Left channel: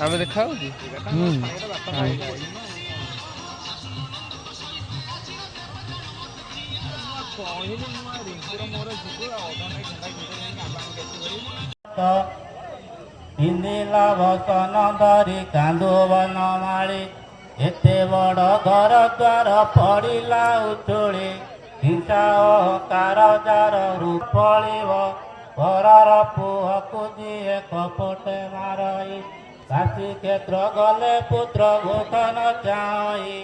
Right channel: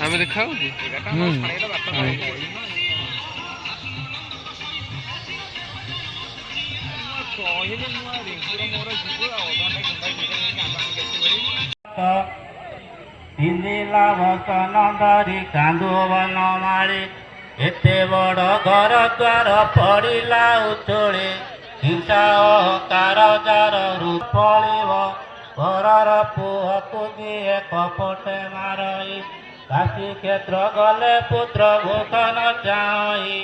ଆମେ ଦେଖା ହଉଛି ପିନ୍ଧିଲା ବସନ ଧରି କାନ୍ଦୁ ବନମାଳି ଏତେ ବଡ଼ ଘର ଦ୍ୱାର ପଡ଼ିଲା ଉଛୁଳି ହିଂସା ଅହଙ୍କାର ଯାର ରୂପଳିବ ଘରର ପୁଅକୁ ଯିଏ କପଟେ ମାରଇ କାଶୀ କ୍ଷେତ୍ର ଗଲେ ପୁତ୍ର ଭୋକ ନ ଚାହିଁ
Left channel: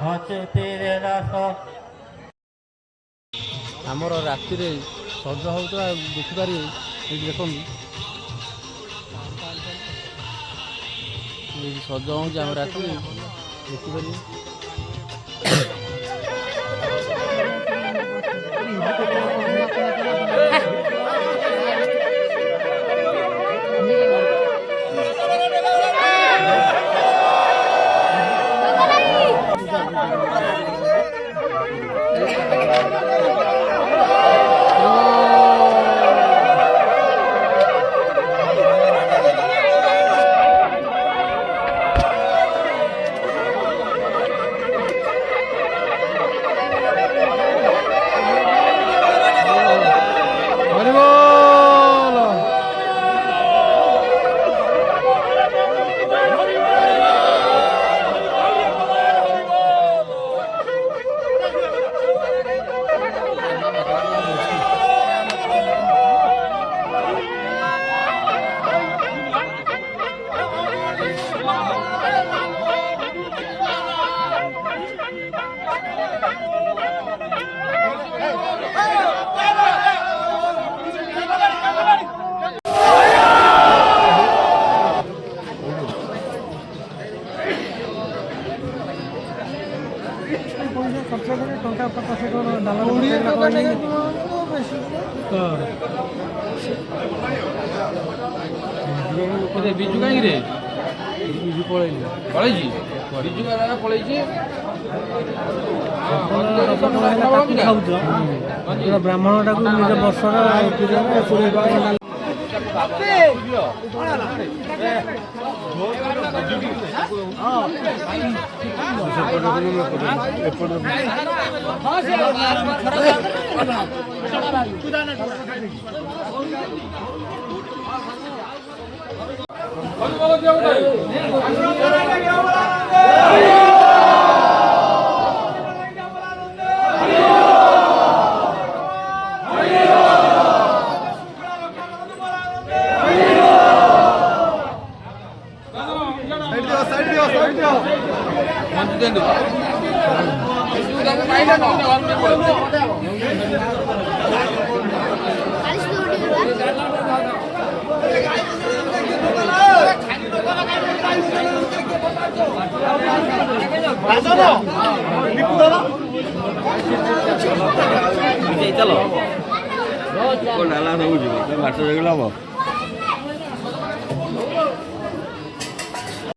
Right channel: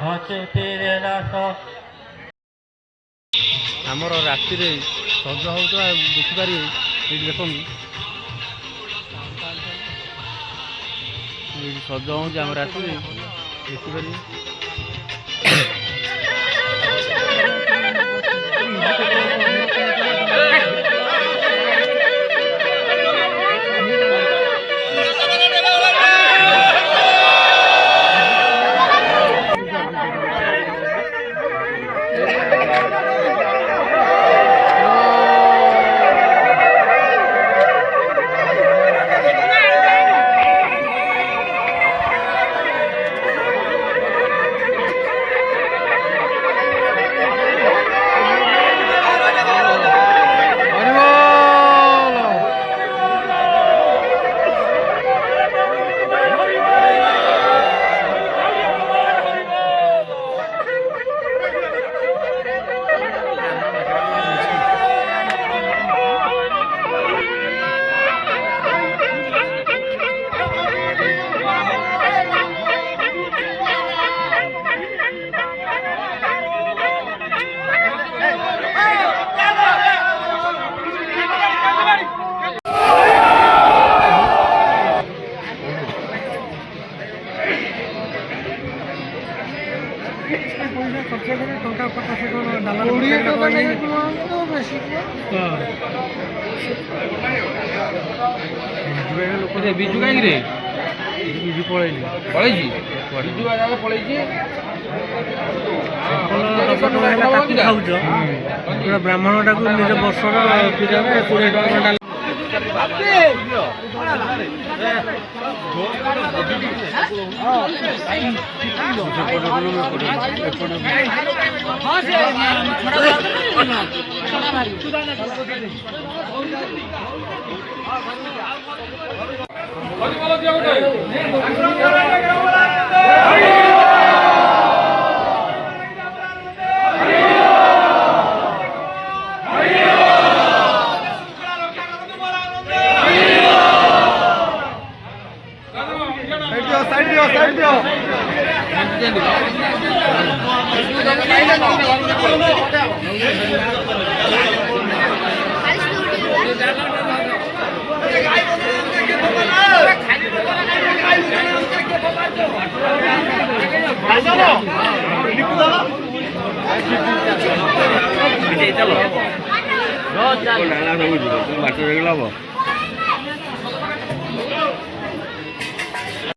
ହସୁଥିରେ ଦାସ। ଆମର ରାତିରେ ସଜ ହେଉଥିବା ଦେଖିପାରିବେ ଏଇଠି ଦେଖନ୍ତୁ ଏଇଠି ସଜ ହେଉଛି ଆମ ରାତିରେ ଦେଖିପାରିବେ ଟଙ୍କା 50 ଟଙ୍କା ଡାଲା ଲୋକ ବିଜୁ କାହିଁକିରେ ବିଜୁ ପଳେଇଛି ବିଜୁ ଜାଗା ପଳେଇଛି ଖାଉଛ ପୁରା ବ୍ରାହ୍ମଣଟାକୁ ନିଜ ବର୍ଷର 20 ଟଙ୍କା ନାଲା ସବୁ ମାଛ